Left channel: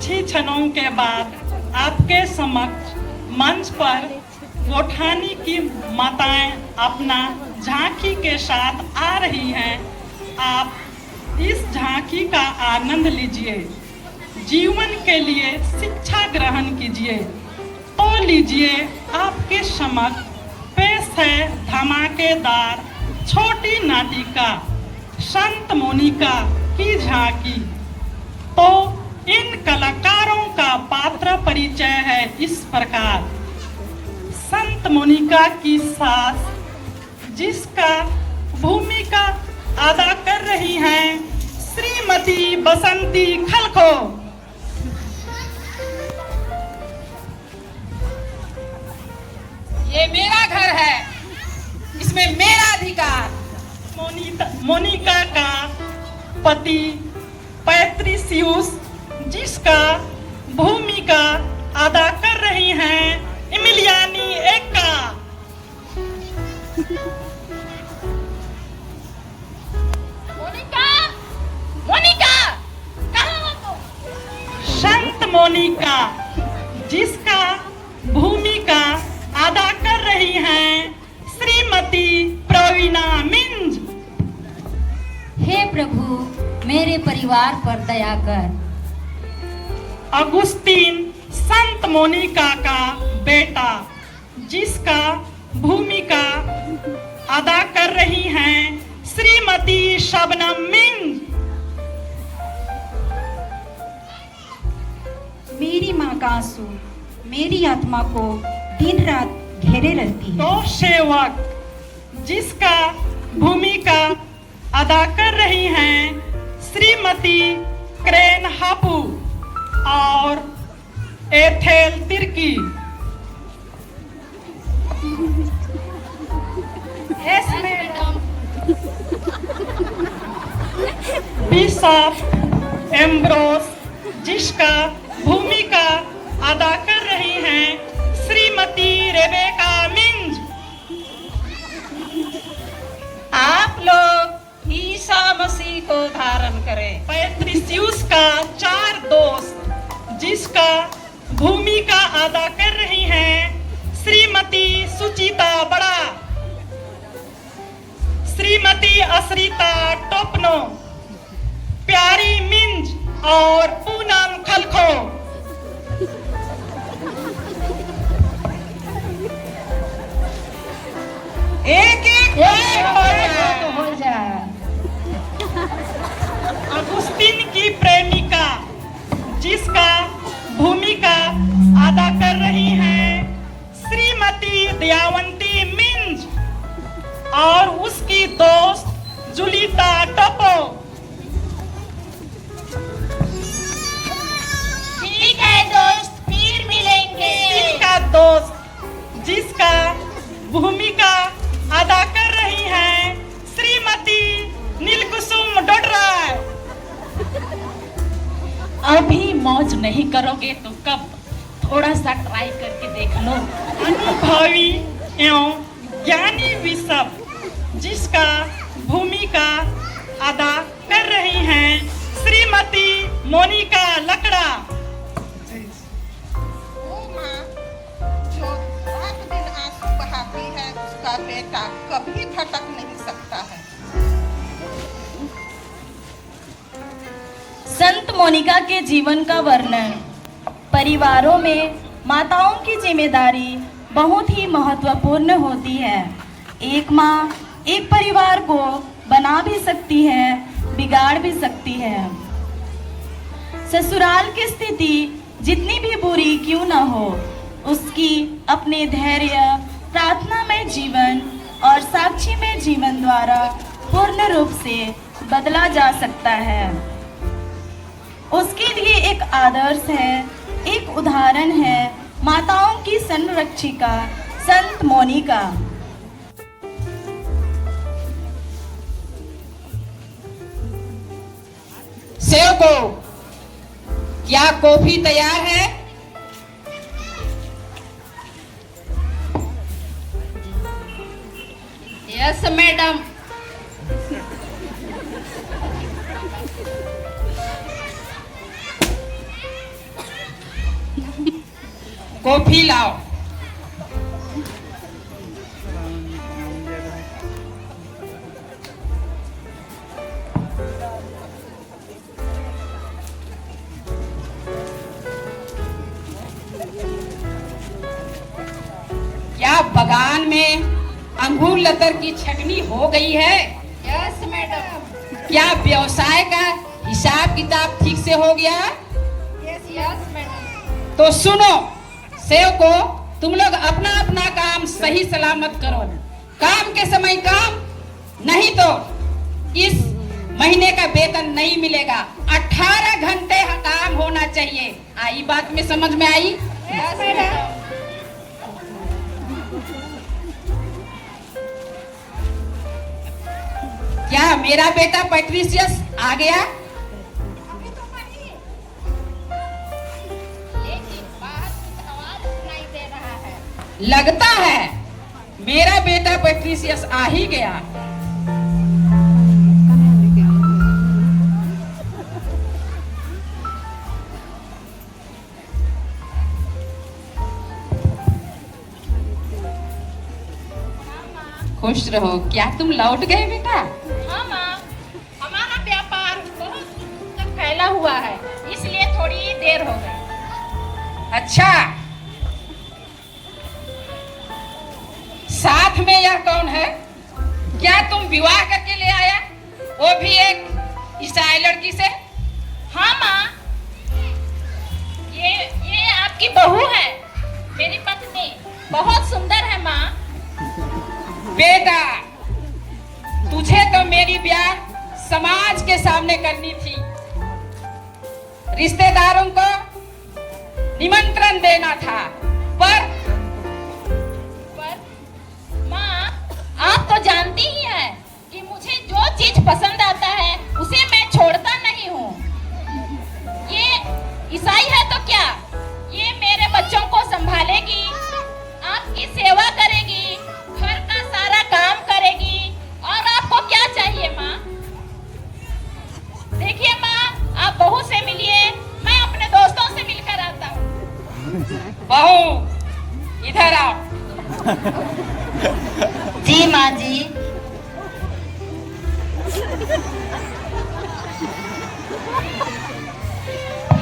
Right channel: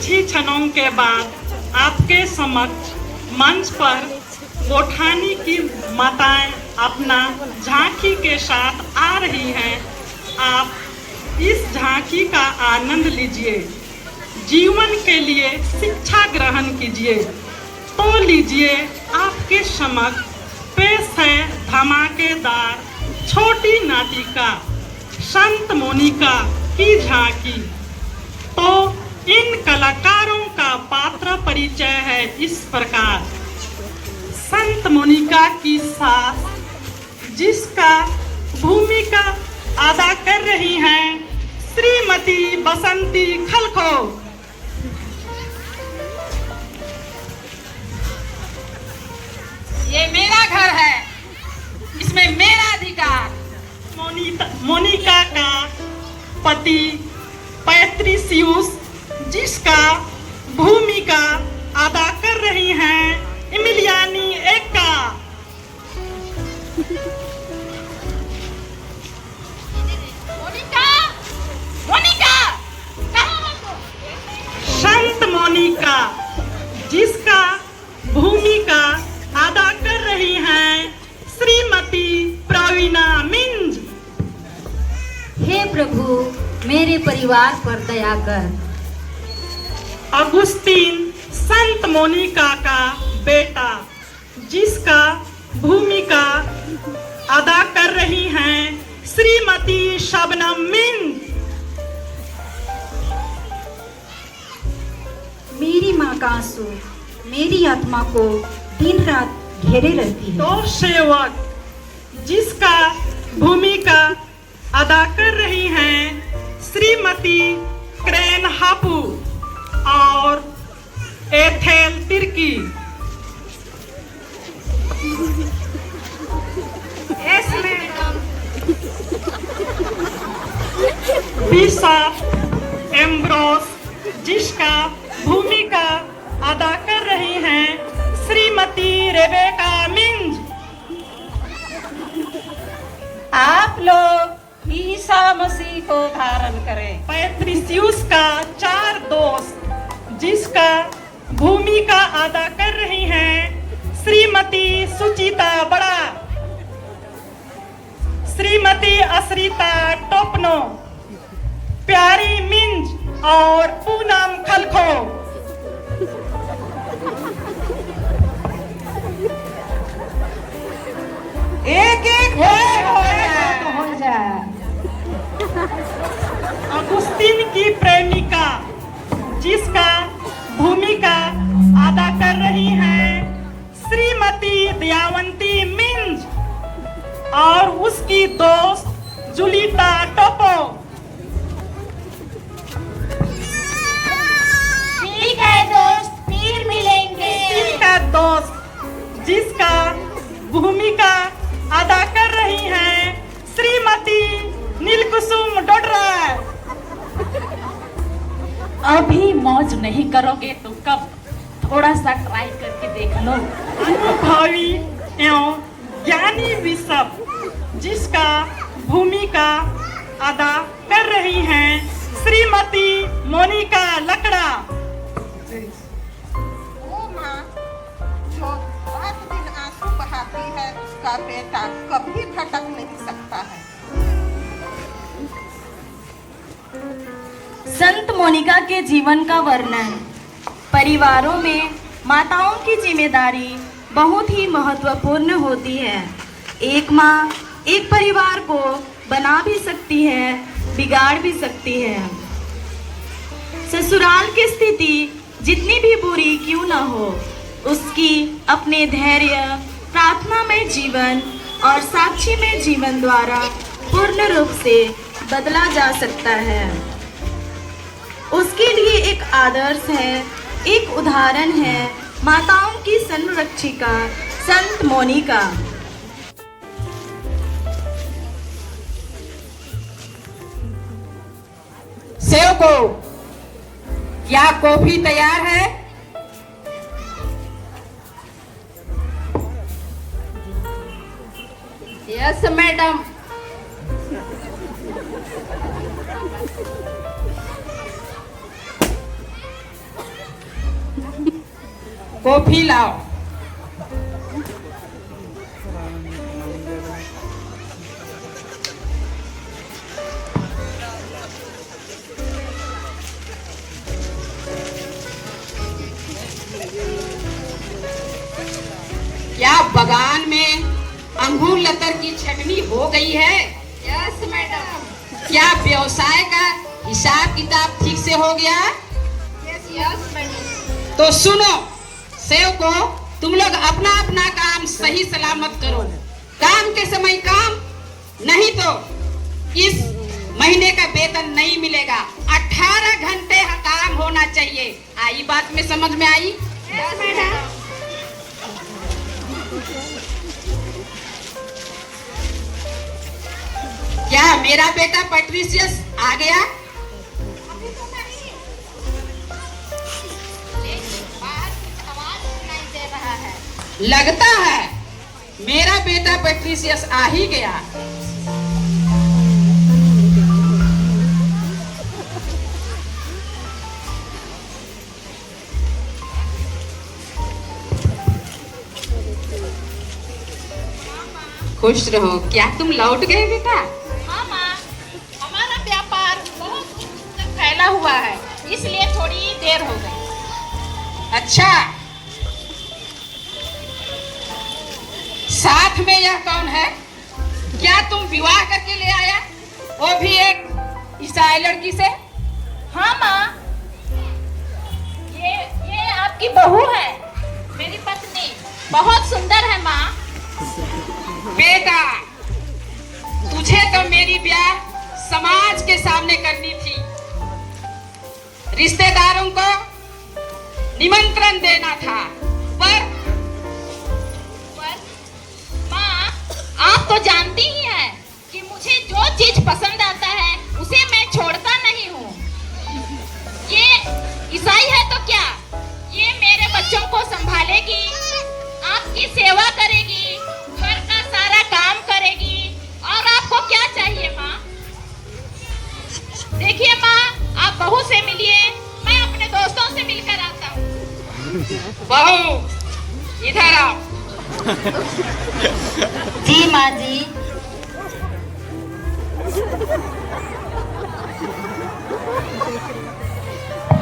कुछ ही क्षणों के बाद आपके समक्ष मंच पर गोठानी की माताएं अपना झांकी के साथ आ रही हैं। आप इस झांकी का आनंद लीजिए, जीवन के लिए शिक्षा ग्रहण कीजिए। तो लीजिए, आपके समक्ष पेश है धमाकेदार छोटी नाटिका संत मोनिका की झांकी। तो इन कलाकारों का पात्र परिचय है इस प्रकार। संत मोनिका की सास, जिसका भूमिका अदा कर रही हैं श्रीमती बसंती खलखो। ये मेरा घर है, इसमें मेरा अधिकार। मोनिका का पति पैट्रिसियुस, जिसका भूमिका अदा कर रही हैं इमिलियानी एक्का। मोनिका, मोनिका, कहाँ हो? संत मोनिका, जिसका भूमिका अदा कर रही हैं श्रीमती प्रवीणा मिंज। हे प्रभु, मेरे परिवार पर दया कर। अगुस्तीन, संत मोनिका का बेटा, जिसका भूमिका अदा कर रही हैं श्रीमती शबनम मिंज। मेरी माँ का आंसू मेरी आत्मा को दिन रात घेरे रहती है। तो सेवक, जिसका भूमिका अदा कर रही हैं श्रीमती क्रेन हापू और एथेल तिर्की। बिशप एम्ब्रोस, जिसका भूमिका अदा कर रही हैं श्रीमती रेबेका मिंज। आप लोग ईसा मसीह को धारण करें। पैट्रिसियुस का 4 दोस्त, जिसका भूमिका अदा कर रही हैं श्रीमती सुचिता बड़ा, श्रीमती अश्रिता टोपनो, प्यारी मिंज और पूनम खलखो। एक एक हो जाए। अगुस्तीन की प्रेमिका, जिसका भूमिका अदा कर रही हैं श्रीमती दयावंती मिंज और उसकी दोस्त जुलिता टोपो। ठीक है दोस्त, फिर मिलेंगे। का दोस्त, जिसका भूमिका अदा कर रही हैं श्रीमती नीलकुसुम डोडरा। अभी मौज नहीं करोगे तो कब? थोड़ा सा ट्राई करके देख लो। अनुभवी एवं ज्ञानी बिशप, जिसका भूमिका अदा कर रही हैं श्रीमती मोनिका लकड़ा। वो माँ जो रात दिन आंसू बहाती है, उसका बेटा कभी भटक नहीं सकता है। संत मोनिका के जीवन का वर्णन। परिवारों में माताओं की जिम्मेदारी बहुत ही महत्वपूर्ण होती है। एक माँ एक परिवार को बना भी सकती है, बिगाड़ भी सकती है। ससुराल की स्थिति जितनी भी बुरी क्यों न हो, उसकी अपने धैर्य, प्रार्थना में जीवन और साक्षी में जीवन द्वारा पूर्ण रूप से बदला जा सकता है। उसके लिए एक आदर्श है, एक उदाहरण है माताओं की संरक्षिका संत मोनिका। सेवको, क्या कॉफी तैयार है? Yes madam. कॉफी लाओ। क्या बगान में अंगूर लतर की छटनी हो गई है? Yes madam. क्या व्यवसाय का हिसाब किताब ठीक से हो गया? Yes yes madam. तो सुनो सेवको, तुम लोग अपना अपना काम सही सलामत करो। काम के समय काम, नहीं तो इस महीने का वेतन नहीं मिलेगा। 18 घंटे काम होना चाहिए। आई बात में समझ में आई? Yes madam. क्या मेरा बेटा पैट्रिशियस आ गया? बाहर कुछ आवाज सुनाई दे रहा है। लगता है मेरा बेटा पैट्रिशियस आ ही गया। खुश रहो। क्या तुम लौट गए बेटा? हाँ माँ, हमारा व्यापार बहुत तक फैला हुआ है, इसलिए थोड़ी देर हो गई। अच्छा, साथ में यह कौन है? क्या तुम विवाह करके ले आया? वो भी एक ईसाई लड़की से? हाँ माँ, ये आपकी बहू है, मेरी पत्नी। बहुत सुंदर है माँ। बेटा, तुझे तो मेरी ब्याह समाज के सामने करनी थी। रिश्तेदारों को निमंत्रण देना था, पर माँ, आप तो जानती ही हैं कि मुझे जो चीज पसंद आता है उसे मैं छोड़ता नहीं हूँ। ये ईसाई है तो क्या, ये मेरे बच्चों को संभालेगी, आपकी सेवा करेगी, घर का सारा काम करेगी। और आपको क्या चाहिए माँ? देखिए माँ, आप बहू से मिलिए, मैं अपने दोस्तों से मिलकर आता हूँ। बहू इधर आओ। जी माँ जी।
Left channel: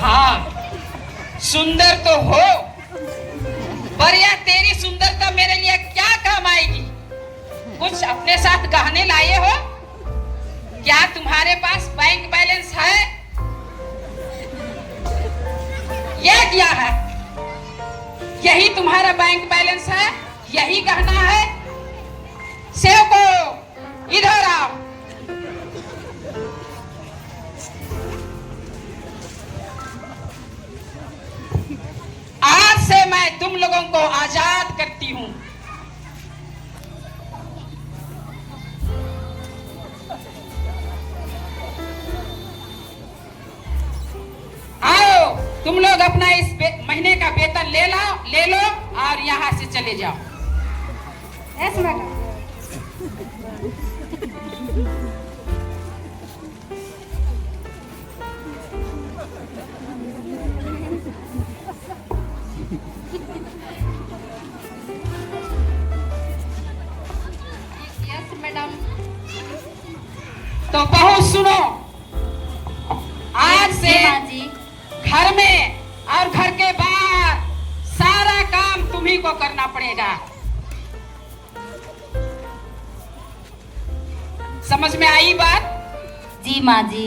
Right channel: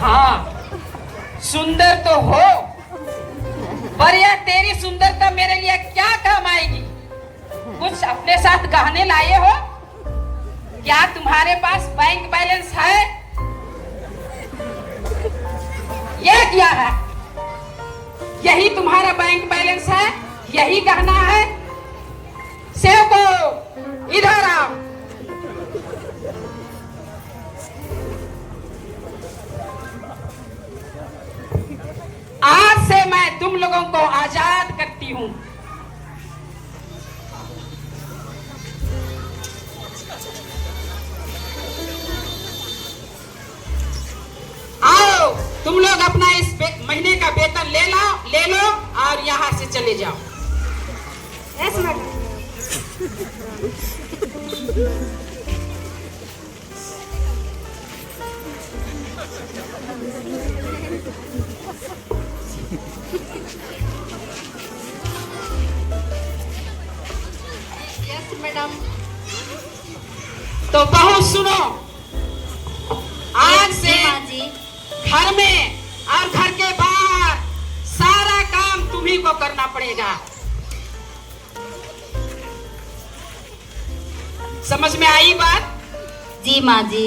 हाँ, सुंदर तो हो, पर यह तेरी सुंदरता मेरे लिए क्या काम आएगी? कुछ अपने साथ गहने लाए हो? क्या तुम्हारे पास बैंक बैलेंस है? यह क्या है? यही तुम्हारा बैंक बैलेंस है? यही गहना है? सेवको इधर आओ। आज से मैं तुम लोगों को आजाद करती हूँ। आओ, तुम लोग अपना इस महीने का वेतन ले लो और यहाँ से चले जाओ। Yes madam. Yes madam. तो बहुत सुनो, आज से जी माँ जी। घर में और घर के बाहर सारा काम तुम्ही को करना पड़ेगा। समझ में आई बात? जी माँ जी।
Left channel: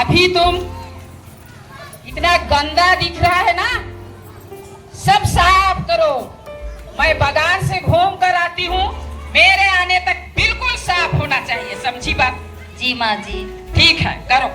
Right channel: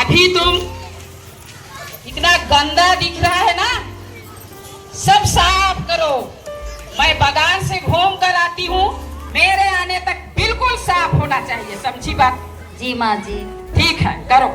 अभी तुम इतना गंदा दिख रहा है ना, सब साफ करो। मैं बागान से घूम कर आती हूँ, मेरे आने तक बिल्कुल साफ होना चाहिए। समझी बात? जी माँ जी। ठीक है, करो।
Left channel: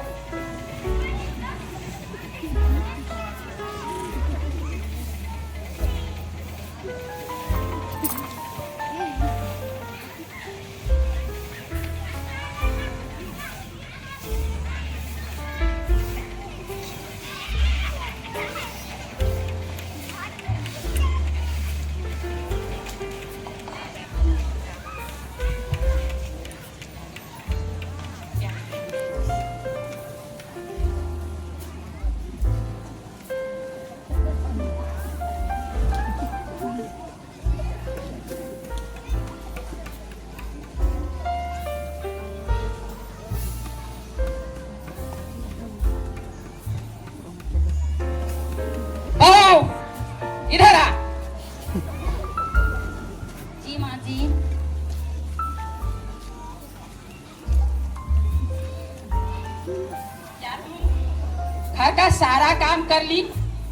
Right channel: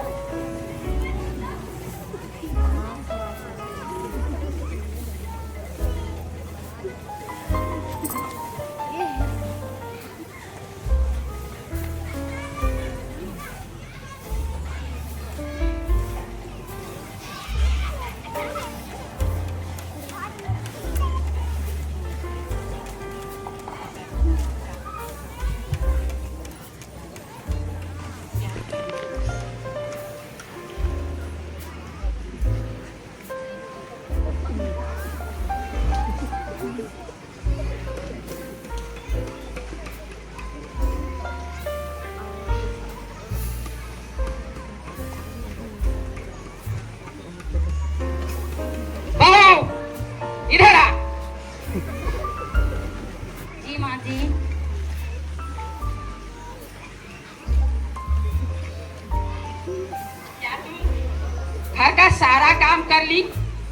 सारा काम कर ली?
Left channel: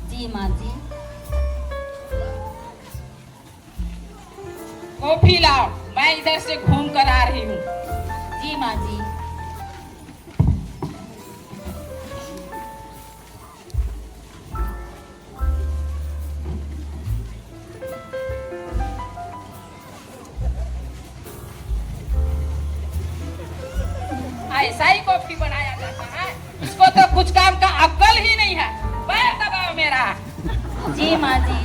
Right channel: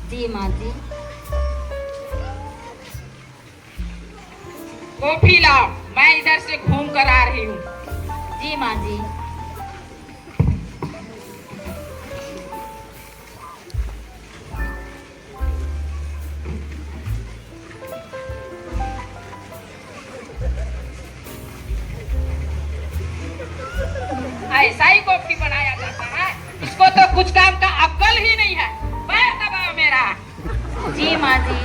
जी माँ जी। कॉफी लाओ, मैं इधर से घूम कर आ रही हूँ। जी माँ जी। ऐसा ही कॉफी बनाया जाता है? इसको तो कुछ काम का अक्ल ही नहीं है। पैर दबाओ मेरा। जी माँ जी।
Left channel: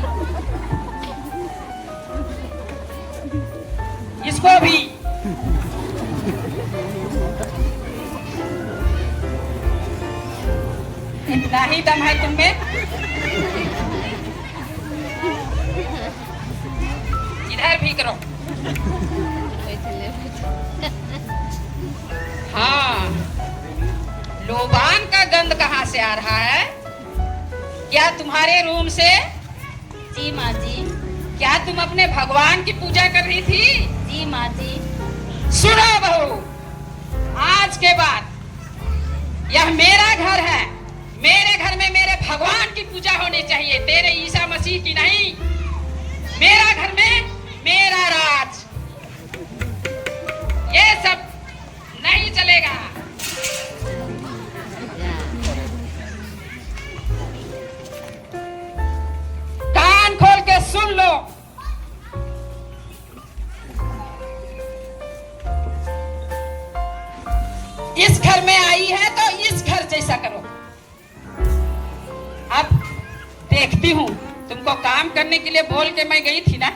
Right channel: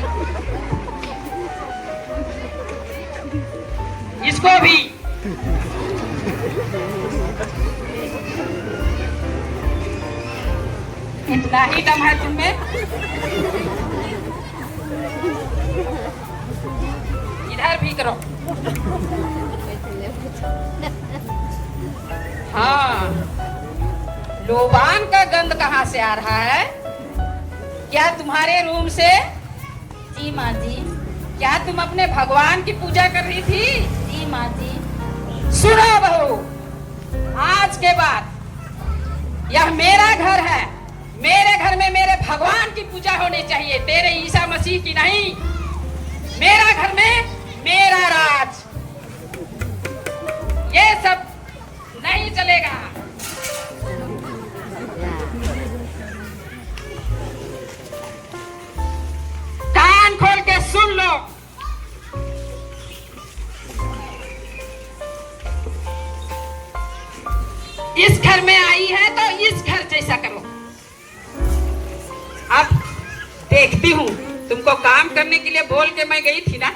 इसको भी। इतना ही दम है तुम में? इधर भी करो। हाँ, लोबान का गंध कहाँ से आ रहा है? क्या तुम्हारे रूम से? जी माँ जी। क्या तुम अपने भगवान की पूजा कर रही थी? जी माँ जी। सुनो बहू, आज के बाद यह मेरा घर है। मेरे घर में मेरे भगवान की पूजा होनी चाहिए, तेरे ईसा मसीह की नहीं। मेरा घर में मेरा राज। ये सब नहीं चलेगा। कान खोल के सुन लो। इस घर में आई है तो इस घर जैसा करो। अब देखती हूँ, तुमको काम करने के लिए बोल के मैं गई थी ना,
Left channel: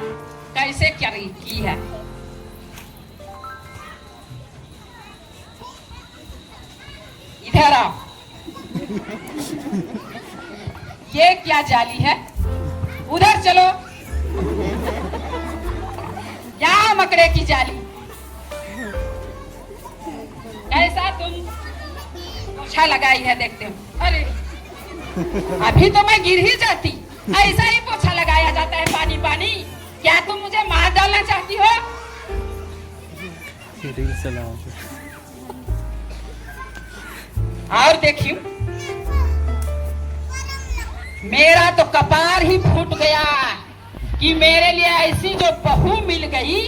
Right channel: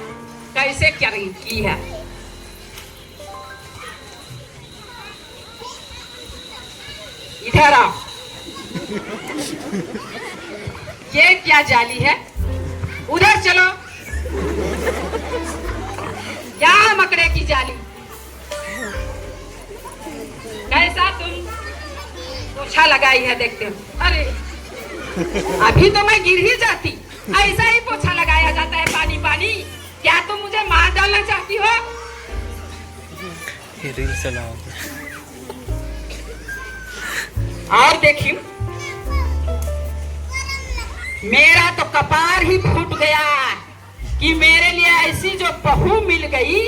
कैसे क्या की है। इधर आओ। ये क्या जाली है? उधर चलो। क्या मकड़े की जाली? कैसा तुम पोछा लगाई है, देखते हो? अरे अभी तो मैं गिर ही जाती। ऐसा ही पोछा लगाया जाता है, पानी पानी। क्या तुम मुझे मार डालना चाहती हो? रील चलाओ। और देखियो, मेरा तो कपार ही फूट गया कि मेरे लिए ऐसी जो बहू मिल गई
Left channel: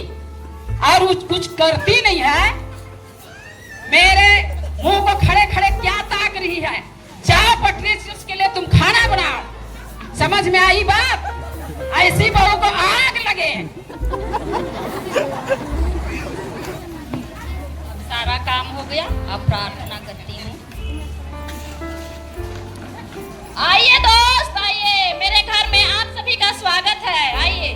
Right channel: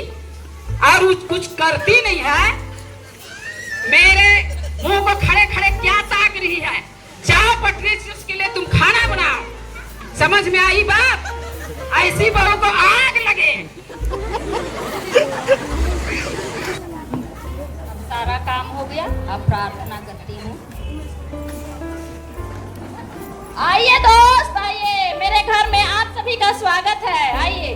और कुछ करती नहीं है। मेरे मुंह को खड़े खड़े क्या ताक रही है? जाओ पटरी से उसके लिए तुम खाना बनाओ। समझ में आई बात? ऐसी बहू को आग लगे। अब सारा काम हो गया, अब प्रार्थना करती हूँ। आइए दोस्त, आइए, मेरे घर में आप सभी का स्वागत है। आइए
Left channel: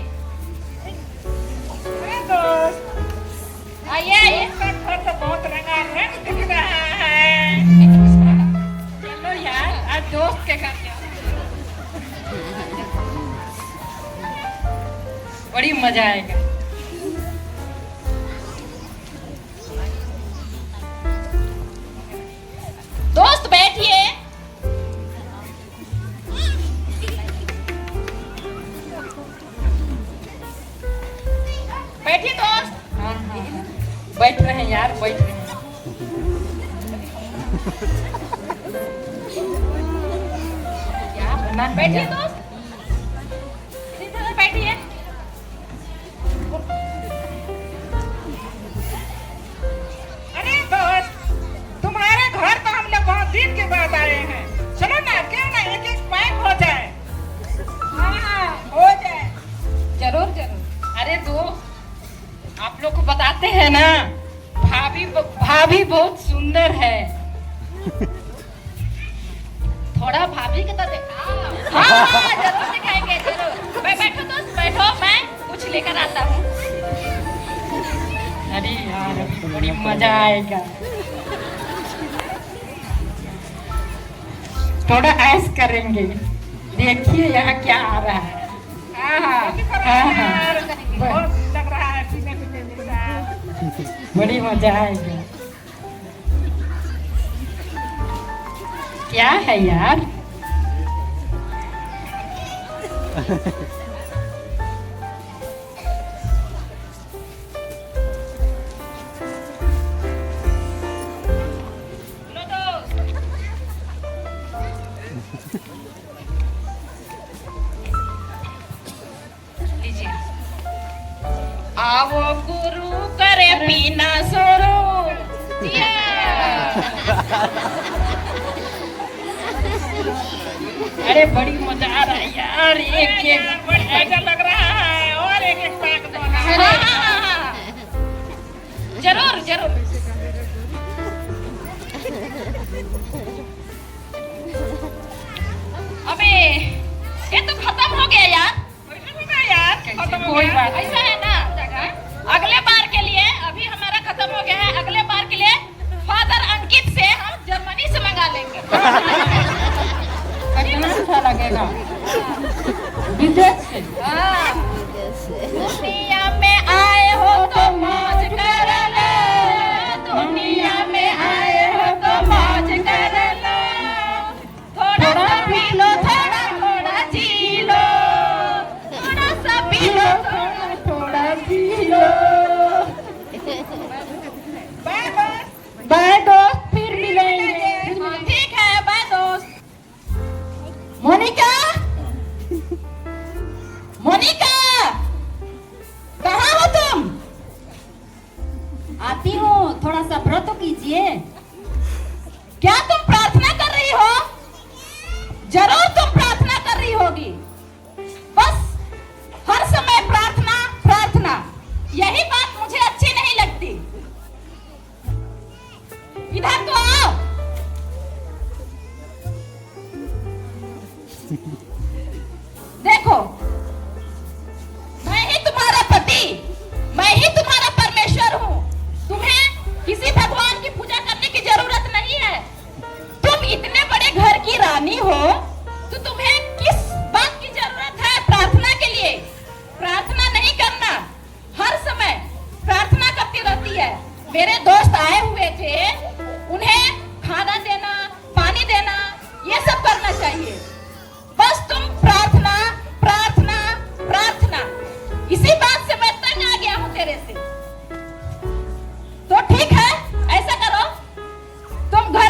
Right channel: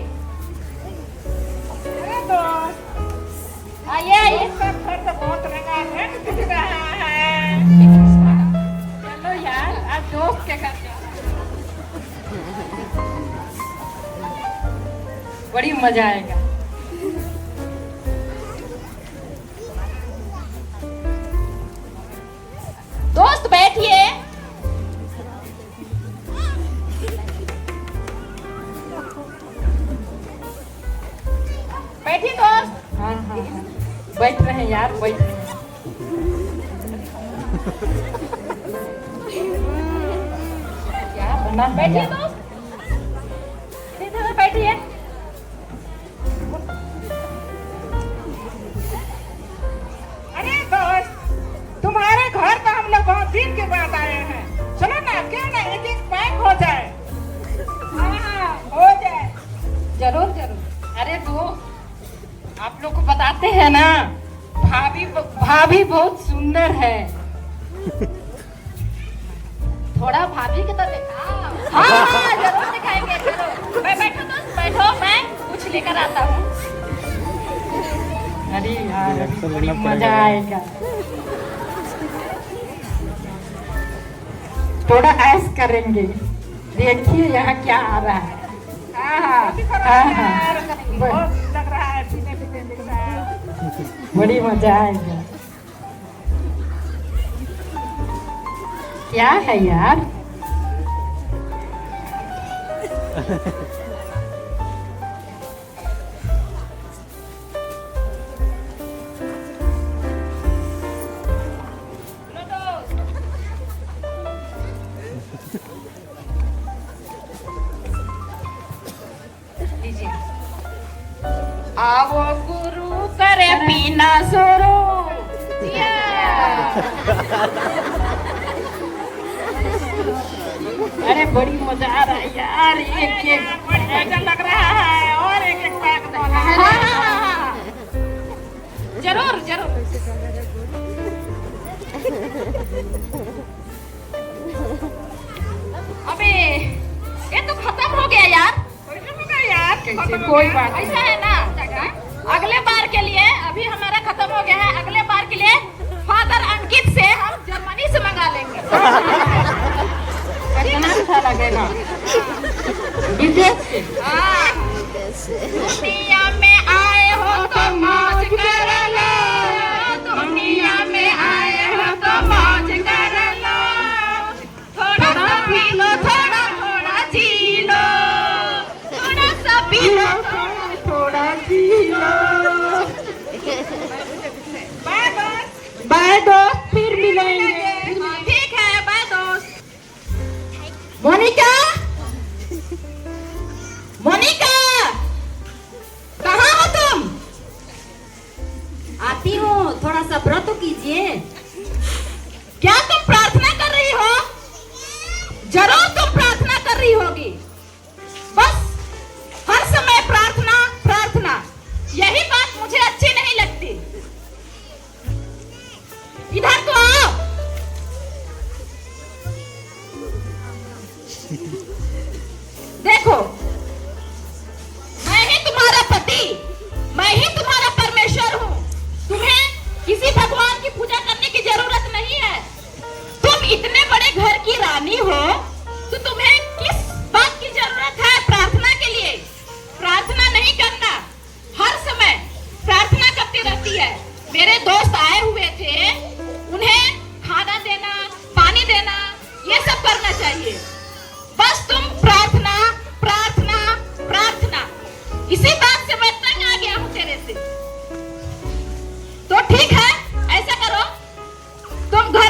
आइए आइए। घर तो बहुत रंगारंग दिख रहा है। चलो यार, आज दोस्त के घर जाओ। बड़ी मजा आएगा। दोस्त बैठिए। बैठिए दोस्त। हाँ हाँ हाँ, बैठ रहे हैं यार, बैठ रहे हैं। क्या बना? बैठिए दोस्त, इधर बैठिए। अरे दोस्त, तुम्हारे घर तो हम लोग बहुत दिन के बाद आए हैं। चलो ना, क्यों ना एक एक पैक हो जाए। हाँ हो जाए, जरूर जरूर। अरे दोस्त, आप लोग को बताते हैं ना, भाभी बहुत सुंदर है। थोड़ा भाभी को तो दिखाओ। हाँ जरूर दिखाएंगे, जरूर। बैठो दोस्त, बैठो, मैं कुछ लेकर आता हूँ। अरे यार, बड़ी मजा आएगा। थोड़ा ऐश करेंगे। देखिए यहाँ क्या आ रहा है। बहुत लग रहा है, बड़ी मजा आएगा। क्या है यार? अरे बड़ी मजा आ रहा है यार, एक एक मजा लग रहा है और एक एक पैक डाला है। जरूर जरूर। अबे ये तो खत्म हो गया यार। कोई बात नहीं। ऐसा है ना, अगले बार के लिए, अभी हमारा खत्म हो गया है, अगले बार के लिए फादर अंकित से हम जर्मनी से मंगा लेंगे। कितना अच्छा लगेगा विदेश से। दुनिया में आए हो तो मौज कर लो, दुनिया में आए हो तो मौज कर लो, थोड़ा सा पी लो, थोड़ा थोड़ा जी लो, थोड़ा सा पी लो, थोड़ा थोड़ा जी लो। बाय दोस्त, फिर मिलेंगे। ठीक है, बाय दोस्त। मोनिका, मोनिका, कहाँ हो तुम? आती हूँ, थोड़ा सा व्रत कीजिए। क्या तुम प्रार्थना कर रही हो? जरूर तुम प्रार्थना कर रही होगी। बस हर समय प्रार्थना प्रार्थना, यही बात मुझे अच्छी नहीं लगती। इधर तो आओ। देखो, मैं ही तुम्हारा पति, मैं ही तुम्हारा परमेश्वर हूँ। तुम्हें किसी भगवान की पूजा करने की जरूरत नहीं है। तुम इतने बड़े घर की रानी हो, तो तुम्हें किस बात की जरूरत है प्रार्थना के लिए? प्रार्थना नहीं करना, हर समय प्रार्थना करती रहती है। मेरे दोस्त आए हुए थे, उन्हें खाना देना, पानी देना, ये सब करना चाहिए। बस तुम प्रार्थना प्रार्थना प्रार्थना, इसी बात से मैं तंग आ गया हूँ तेरे से। तो ठीक है, ऐसा करो, तुम घर